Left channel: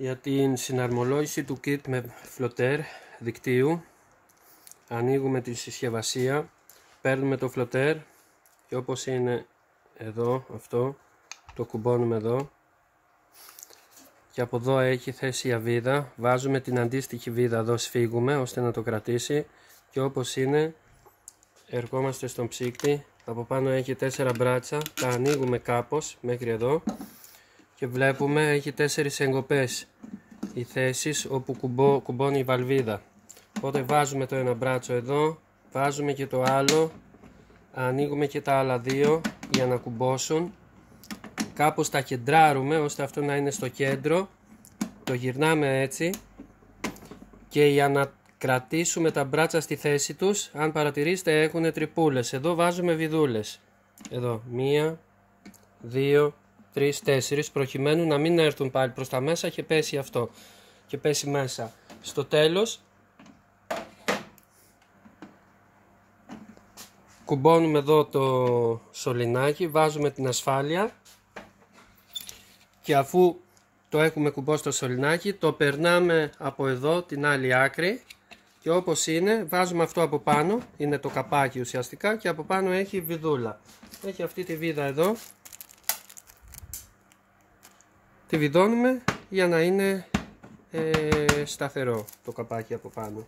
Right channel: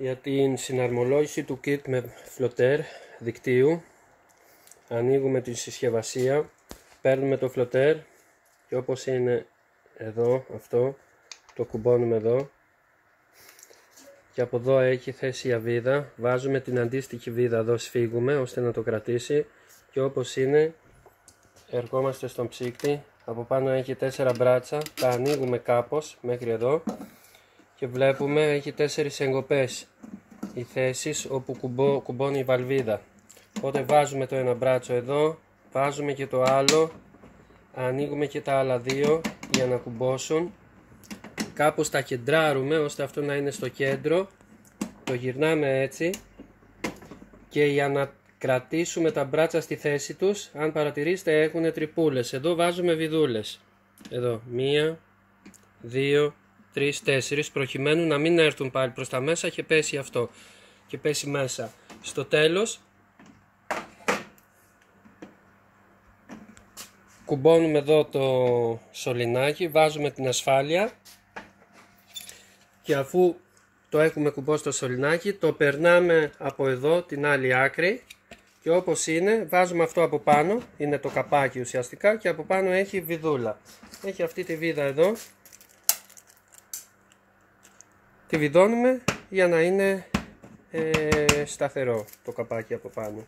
Για την συναρμολόγηση του kit με φλοτέρ δικτύου, ανοίγουμε τη συσκευασία, παίρνουμε το φλοτέρ και όπως είναι εδώ αυτό το κουμπώνουμε εδώ και από εδώ έχει θέση η αβίδα, βάζουμε την αντίστοιχη βίδα εδώ, σφίγγουμε ώστε να το κρατήσει και όπως είναι ερχόμαστε στον ψύκτη. Από πάνω έχει 4 μπράτσα, τα ανοίγουμε κάπως μέχρι εδώ και βλέπουμε έχει 4 εγκοπές οι θέσεις όπου κουμπώνει η βαλβίδα. Οπότε βάζουμε το ένα μπράτσο εδώ, βάζουμε και το άλλο, ανοίγουμε και τα άλλα δύο για να κουμπώσουν, κάπως τα κεντράρουμε ώστε αυτό να είναι στο κέντρο, το γυρνάμε έτσι και για να κρατήσουμε τα μπράτσα στη θέση τους, αν παρατηρήσετε έχουν τρυπούλες, εδώ βάζουμε βιδούλες, εδώ 1, 2, 3, 4 προκειμένου να μην έρθουν πάλι προς τα μέσα και πέσει αυτό και πέσει μέσα. Στο τέλος κουμπώνουμε εδώ το σωληνάκι, βάζουμε την ασφάλεια και αφού το έχουμε κουμπώσει το σωληνάκι το περνάμε από εδώ την άλλη άκρη και όπως είναι βάζουμε αυτό από πάνω, είναι το καπάκι ουσιαστικά και από πάνω έχει βιδούλα, έχει αυτή τη βίδα εδώ, τη βιδώνουμε για να είναι σταθερό το καπάκι από πάνω.